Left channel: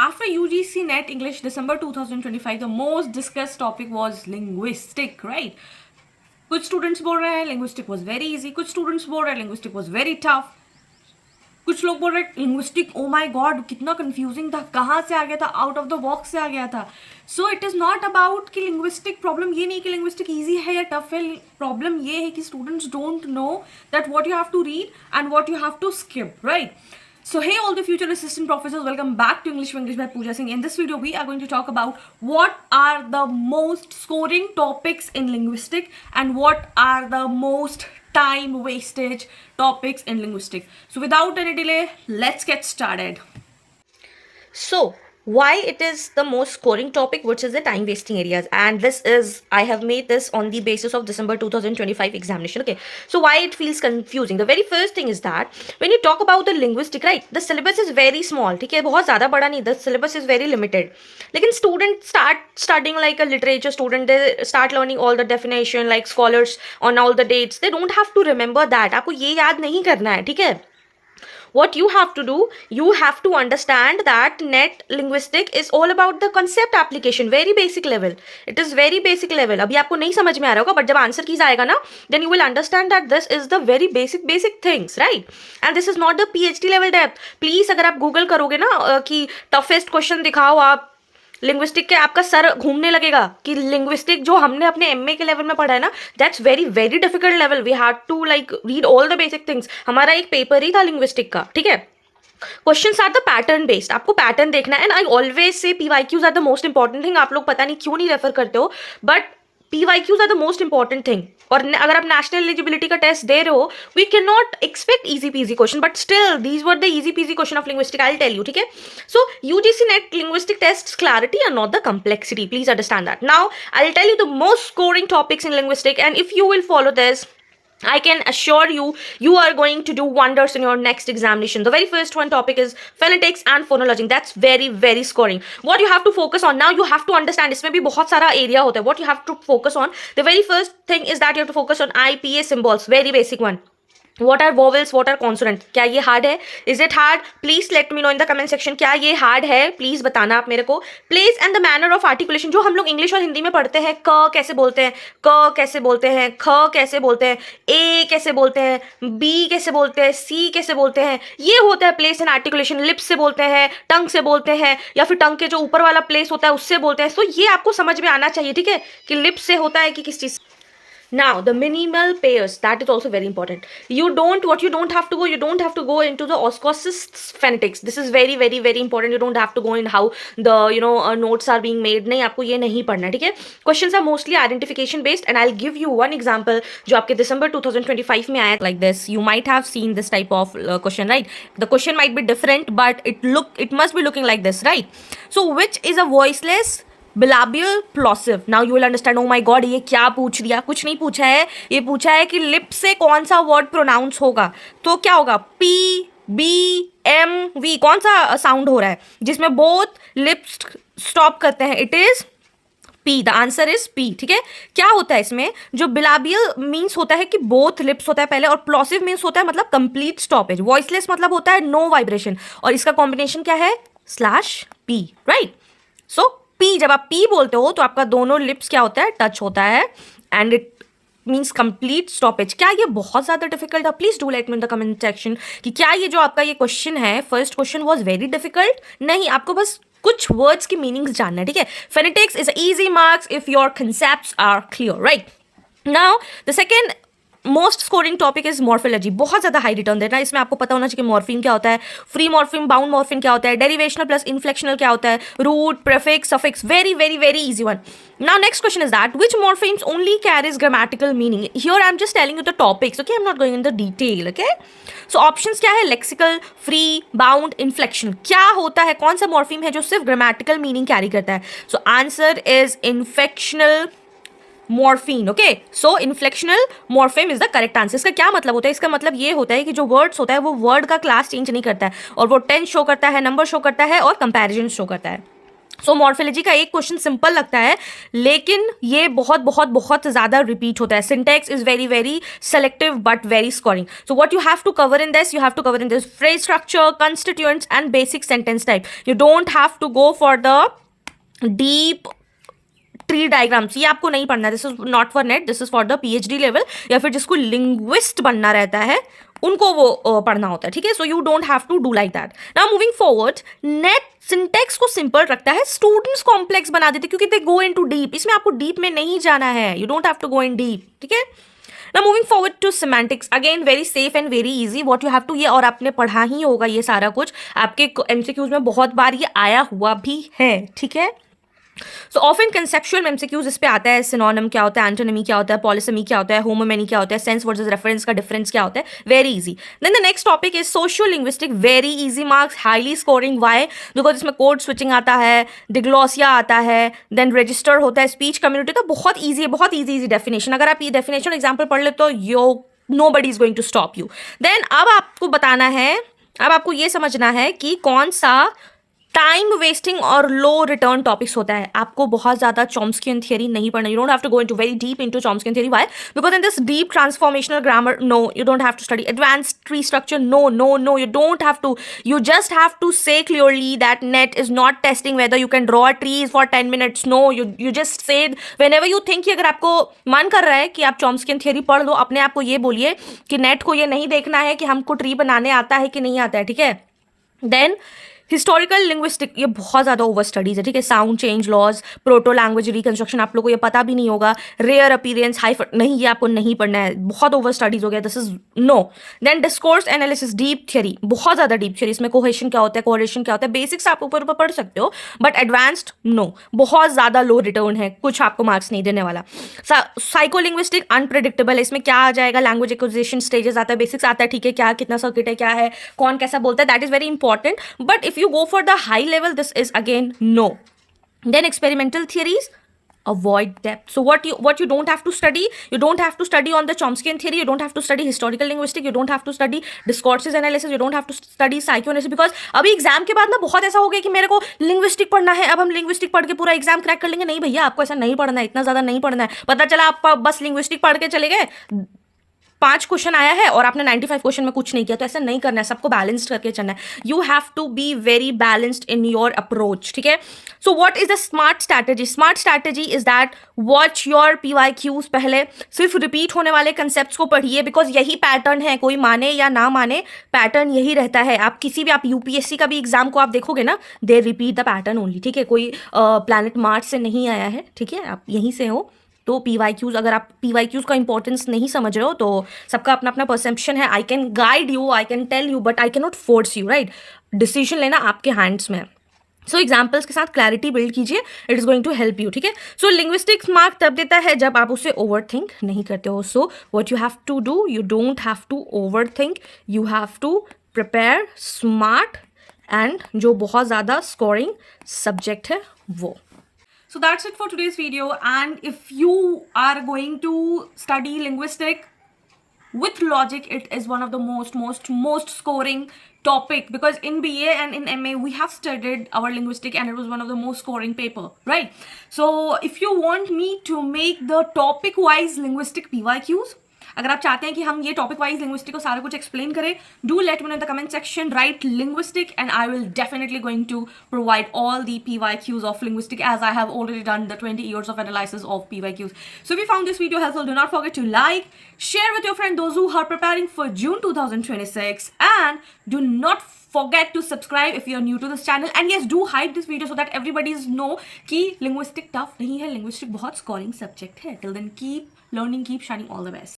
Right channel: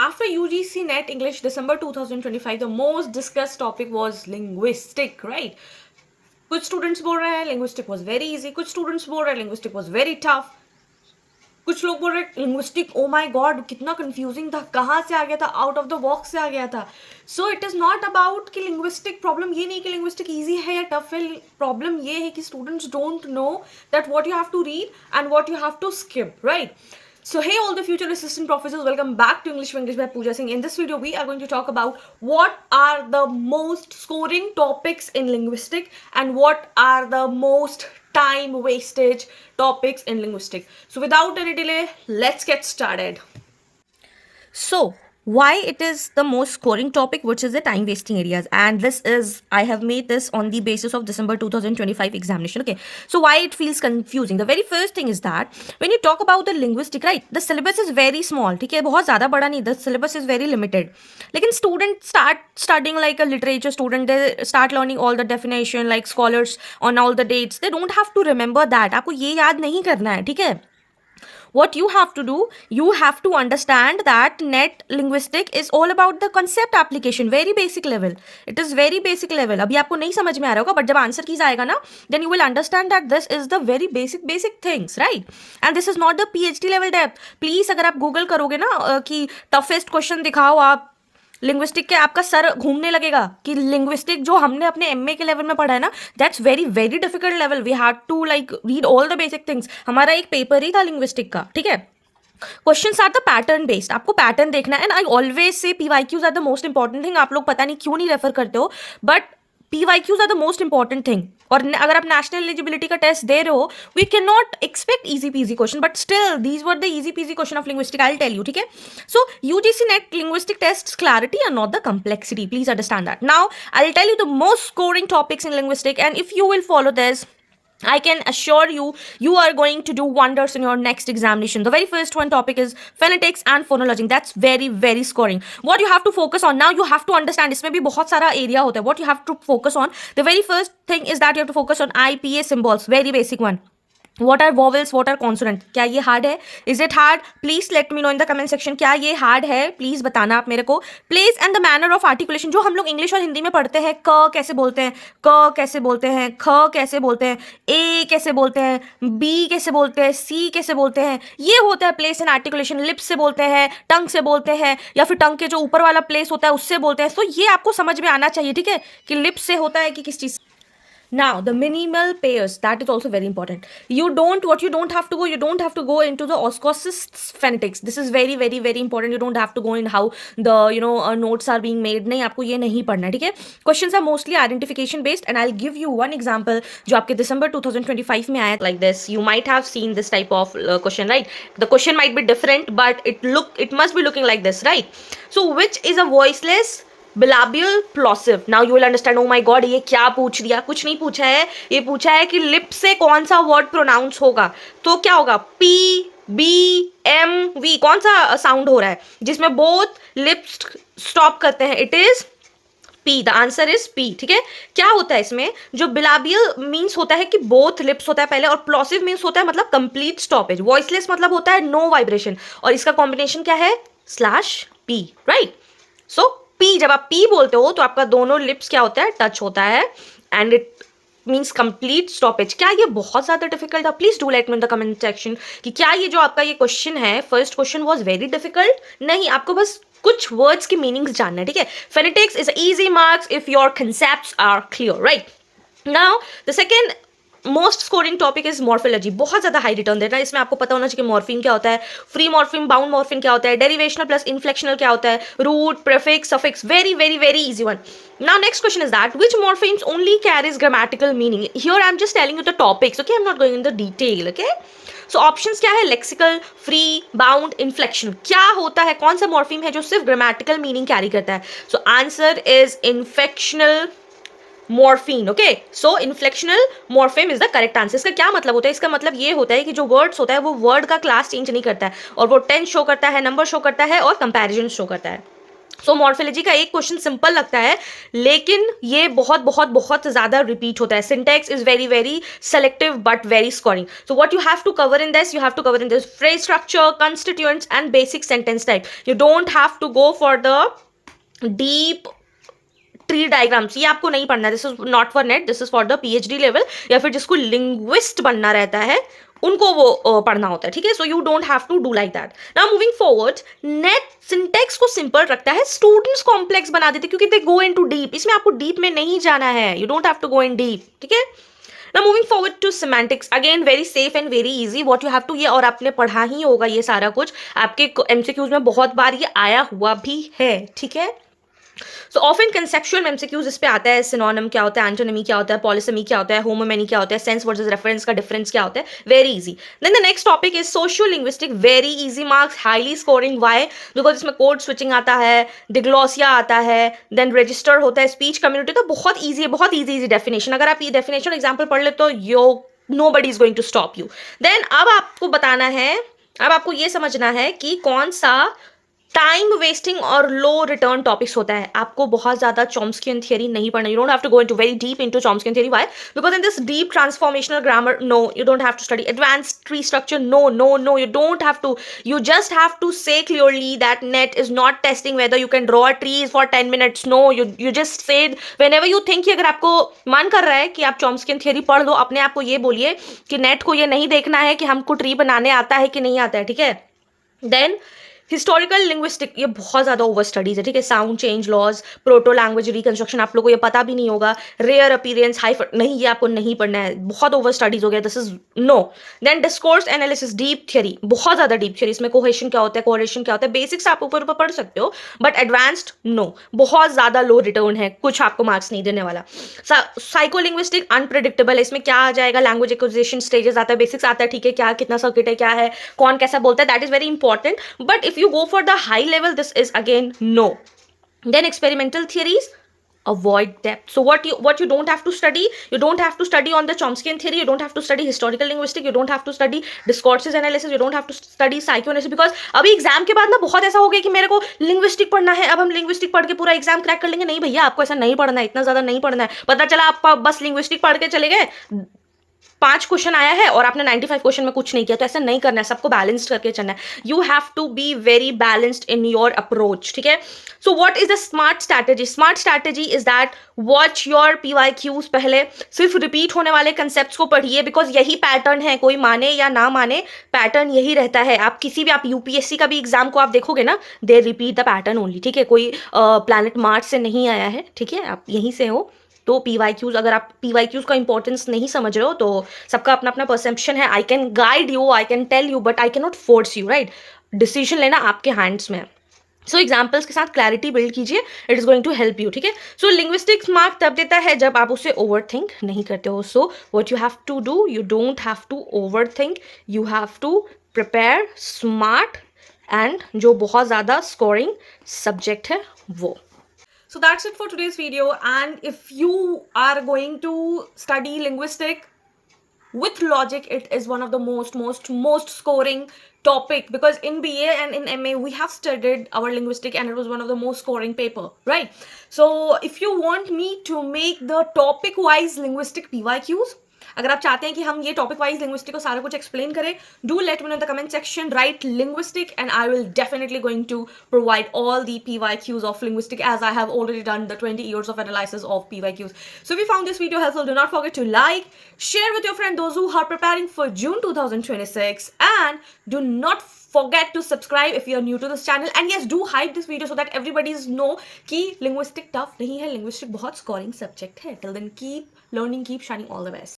After UGC NET English December 2025, the most discussed topic was linguistic, right? कुछ students बोल रहे हैं linguistic was very easy, कुछ students बोल रहे हैं लिंग्विस्टिक वॉज वेरी टफ, कुछ लोग बोल रहे हैं लिंग्विस्टिक ओ माय गॉड कितना कंफ्यूजिंग था, कहाँ से आ गया था, आउट ऑफ द बॉक्स से आ गया था. So it is not about कि लिंग्विस्टिक प्रॉब्लम ये नहीं कि लिंग्विस्टिक ईजी है या टफ है. प्रॉब्लम ये है कि students don't know that what you have to read and what you have to skip, right? So hey all the future assistant professors, welcome back to English for English by Pooja Singh. In this video we are going to talk about what are the most scoring topics in linguistic and what are the most time wastage topics in linguistic. So without any delay, let's get started. So why it is the most scoring topic, which is the time wasting areas, and this is I have made this on the basis of December 2025 examination. Okay, so why it feels confusing? The very first thing is that when you talk about the linguistic, right, the syllabus is very small. ठीक है, बहुत ज़्यादा बड़ा नहीं, the syllabus is very limited. लेकिन students start studying like a literature student, they start learning all the definition like scholars on all the dates. They don't have to remember that. आपको ये याद नहीं करना है, ठीक है? What you have to do, you have to understand that net linguistic is all about the concept application, very basic level. It is very basic level. अभी आपको नहीं समझ में आ रहा होगा, but जब आंसर कीज आएगा ना, then you will understand that this is the very basic things, right? And this is not the PhD level depth. Please अगर आप गूगल करोगे ना कि toughest question दिखाओ आप लिंग्विस्टिक के, आपका सर घूमने लगेगा कि लिंग्विस्टिक जो हमने अपने एमए के लेवल में पढ़ा है ना, that's very very difficult level. We had to like read all the basic things. हमारा एक पेपर ही था लिंग्विस्टिक का, ठीक है? Questions are the pattern based, आपको पैटर्न देखना है. And I always say PYQs are the most important thing. आप लोग पता नहीं क्यों नहीं रेफर करते हो, but PYQs are the most important thing. और अगर आप नेशनल एलिजिबिलिटी का टेस्ट दे रहे हो, we can not expect easy PG question, but still these were the easy PG question of linguistic. I tell you, ठीक है? So UGC NET linguistic test clarity and not the complexity. Please understand that. Now I'll tell you the most scoring topics in linguistic, and if you will follow this, I can assure you, you are going to do wonders in your next examination. The very first one topic is phonetics and phonology. That's very, very scoring. What you have to focus on now, you have to understand. इसमें भी बहुत सारा area होता है. What you have to focus on, the very first thing is that you have to focus on IPA symbols. Very basic one. What are vowels, what are consonant? क्या ये hard है? Is it hard? Please let me know in the comment section. क्या ये hard है? Please बताना आप मेरे को. Place and the manner of articulation, जो हम लोग इंग्लिश और हिंदी में पढ़ते हैं. क कैसे बोलते हैं, क कैसे बोलते हैं, ख कैसे बोलते हैं, ए कैसे बोलते हैं, बी कैसे बोलते हैं, सी कैसे बोलते हैं, ये होता है प्लेस एंड आर्टिकुलेशन. लिप्स से बोलते हैं, टंग से बोलते हैं, या फिर टंग के जो ऊपर वाला प्लेस होता है उससे बोलते हैं. तो ये आपको समझ में आना चाहिए, ठीक है, कि लिप्स से होता है कि किस चीज. Now the minimal pairs, that is also very important. You don't have to go into the oscosis phonetics. This is very very very important. You don't have to go in how the notes are being made. नहीं, आपको ये नहीं पढ़ना है, ठीक है? Questions are mostly identification based, and I'll give you one example जो आपके December 2025 में आया like this. You might have seen this type of question, right? The question might be different, but it must be looking like this, right? So which is a voiceless bilabial plosive? Now you will understand, oh my god ये क्या पूछ लिया. कुछ नहीं पूछा है, ये पूछा है कि लिप से कौन सा वर्ड प्रोनाउंस होगा. तो क्या होगा? PBMV, कौन सा साउंड हो रहा है जिसमें बोथ लिप्स स्टॉप करते हैं? It is P. The answer is P, ठीक है? क्या होता है इसमें? जो बिलाबियल मीन्स होता है कि बोथ लिप्स होता है पहले, और प्लॉसिव मीन्स होता है मतलब कंप्लीट स्टॉपेज. वॉइसलेस मतलब होता है नो वाइब्रेशन, और इसका कॉम्बिनेशन क्या है? /P, right? सो P, जब आप P बोलते हो तो आपका दोनों लिप्स क्या होता है? टच होता है, and it means complete stoppage. क्या ये बहुत ज़्यादा डिफिकल्ट है? Please do let me in the comment section कि क्या ये जो आपका ये क्वेश्चन है, first question was very difficult? नहीं, आपको बस कुछ वर्ड्स की मीनिंग्स जानना है, ठीक है? Phonetics is easy marks if your concepts are clear, right? Now the second most scoring topic is morphology. बहुत ज़्यादा हाई रिटर्न देना. इसमें आपको पता होना चाहिए मॉर्फिम क्या होता है, फ्री मॉर्फिम, बाउंड मॉर्फिम क्या होता है, डेरिवेशनल प्लस इन्फ्लेक्शनल क्या होता है, root, prefix, suffix. Very very very easy one. Now next question is that which morphemes only carries grammatical meaning? Here I'm just telling you the topics, okay? I'm not going in the detail, okay? So options क्या है? Lexical, free, bound, inflection. क्या होता है, कौन सा morpheme है जो सिर्फ ग्रामेटिकल मीनिंग कैरी करता है? So answer is inflectional morpheme. Okay, so inflectional morpheme is the correct answer. इसका क्या मतलब होता है? इसका मतलब ये होता है कि जो वर्ड्स होता है वो वर्ड का क्लास चेंज नहीं करता है, और वो टेंस शो करता है, नंबर शो करता है, और कंपैरिजन शो करता है. सो मॉर्फोलॉजी का एक क्वेश्चन सिंपल लगता है, लेकिन ये बहुत बहुत बहुत ज़्यादा रिपीट होता है. Syntax is very very selective but very scoring. So what you have to cover in this, you have to cover in this phrase structure, constituents and basic sentence type. You don't have to go for the deep tree diagrams, ये आपको नहीं पढ़ना है. This is not for NET, this is for the PhD level, या फिर जिसको linguist बनना रहता है उनको वो पढ़ना होता है. ठीक है, so you don't have to do like that. Now moving forward, NET syntax को सिंपल रखता है, स्टूडेंट्स कॉम्प्लेक्स बना देते क्योंकि दे गो इनटू डीप. इसमें आपको डीप में नहीं जाना है, you don't have to go in deep. ठीक है, now moving forward to semantics, again very safe and very easy. What you have to, ये और आपने पढ़ा ही होगा ये सारा कुछ, आपके एमसीक्यूज में बहुत बार ये आया हुआ भी है. ठीक है, सो ऑफन कंसेप्चुअल एमसीक्यूज इस पे आता है. सिनोनिम क्या होता है, एंटोनिमी क्या होता है, पॉलिसेमी क्या होता है, होमोमेनी क्या होता है, सेंस वर्सेस रेफरेंस का डिफरेंस क्या होता है. Very easy. Then the next topic is socio linguistic, very easy marks, highly scoring. Why? Because इसमें कोड स्विचिंग आता है, डिग्लोसिया आता है, देन रजिस्टर होता है, स्पीच कम्युनिटी. तो बहुत ईजी है, बहुत ईजी डेफिनेशन. अगर आप ये डेफिनेशन एग्जाम्पल पढ़ ले तो nobody is going to stop you. Then अब आपको बताना है, अब आपको ये समझना है कि कौन सा टाइम वेस्टिंग और लो रिटर्न टॉपिक्स होता है. आपको बहुत ज़्यादा चॉम्स्कियन थियरी नहीं पढ़ना. You don't have to go into very deep into Chomskyan theory. Why? Because in this deep transformational grammar, no you don't have to study advanced tree structure. No no no, you don't have to. You just have to say clearly that NET is not testing whether you can draw trees for 10 minutes. No, you just say whenever you think कि अगर आपको मन कर रहा है कि आप चॉम्स्कियन theory पढ़ लो, अपने आप को ये बोलिए कि नेट को ये नहीं देखना है कि हमको ट्री बनाने आता है कि नहीं आता है. ठीक है, देन हिस्टोरिकल लिंग्विस्टिक, ये बहुत ज़्यादा ओवर स्टडीज है. ठीक है, sound change laws, proto language reconstruction, आप लोगों को ये पता भी नहीं होगा. रेयर अपीयरेंस, हाई, नहीं, ये आपको नहीं पढ़ना है, बहुत ओवर स्टडीज हो गया. This is no. Then discourse analysis, deep theory, बहुत ज़्यादा डीप थियरी. इसमें कोहेशन क्या होता है, कोरिलेशन क्या होता है, बेसिक्स आप ऊपर ऊपर पढ़ सकते हो, बट एडवांस्ड नो, बहुत ज़्यादा लो रिटर्न है, कुछ आपको मार्क्स नहीं देने वाला. साइको लिंग्विस्टिक अनप्रिडिक्टेबल है. इसमें क्या आ जाएगा, लैंग्वेज एक्विजिशन स्टेजेस आता है, बेसिक्स आता है. ठीक है, क्या कितना सर्किट है, क्या है, कौन कैसा बोलता है, that is very important. But if you go for the high level, this is again no. Then experimental theories, avoid depth. So what you don't have to study, you don't have to study on the Chomskyan theory, you don't have to study historical linguistics, you don't have to study discourses analysis, you don't have to study psychoanalysis. because अभी exam के बाद ना बहुत ऐसा हो गया कि मेरे को लिंग्विस्टिक पढ़ना है, अब हम लिंग्विस्टिक पढ़ के पूरा एग्जाम क्रैक कर लेंगे. नहीं भैया, आपको ऐसा नहीं पढ़ना है, इतना ज़्यादा नहीं पढ़ना है. पता चला आप बस लिंग्विस्टिक पढ़ के चले गए, 5 क्वेश्चन आया है और आपने 95 क्वेश्चन में कुछ नहीं किया. तो ऐसा नहीं करना है, सबको बैलेंस्ड करके चलना है. You have to be very balanced in your approach. ठीक है, so what is the smart strategy? Smart strategy is that watch your PYQs. पहले सिर्फ रिपीट होने वाले कंसेप्ट को पढ़िए, बिकॉज यही पैटर्न है, कोई माने या ना माने पैटर्न यही रहता है. आप किसी भी, आप यूपीएससी का भी एग्जाम को आप देखोगे ना, दे रिपीट द पैटर्न ओनली. ठीक है, कोई प्लैनेट मार्स से नहीं आया है. ठीक है, आप यहीं से हो. तो PYQs, अगर आप PYQs का इंपॉर्टेंस नहीं समझ रहे हो तो सबका अपना अपना परसेप्शन है. I can guide you, I can tell you, but I can not force you. Right, decision लेना आपके हैंड्स में है. सो एग्जाम्पल्स के साथ क्लैरिटी बिल्ड कीजिए, it is going to help you. ठीक है, सो लिंग्विस्टिक्स मार्क तब देता है जब आप उसे ओवर थिंक नहीं करते हो. So what you have to do, you don't have to overthink, you have to prepare smart and जो बहुत ज़्यादा स्कोरिंग सब्जेक्ट है वो. So that's it for today's video, and if you are going to study linguistic with logic, it is one of the most scoring topic, because in BA and in MA we have studied our linguistic and it was one of the most scoring paper, right? So if you want me to make the topic wise linguistic PYQs, अगर आप चाहते हैं कि हम ये topic wise linguistic को सारा कुछ एक्सप्लेन करें, do let me know in the comment section, write linguistic, and I will definitely going to provide all the PYQs of linguistic as I have already done the 20 years of analysis of PYQs. So if you found this video helpful, do not forget to like, share with your friend those who are preparing for June 2026, and do not forget to subscribe if you are new to this channel. And yes, do hype this video so that everybody know कि linguistic tough नहीं है, linguistic बहुत scoring subject है. Till then, keep learning, keep shining, all the best.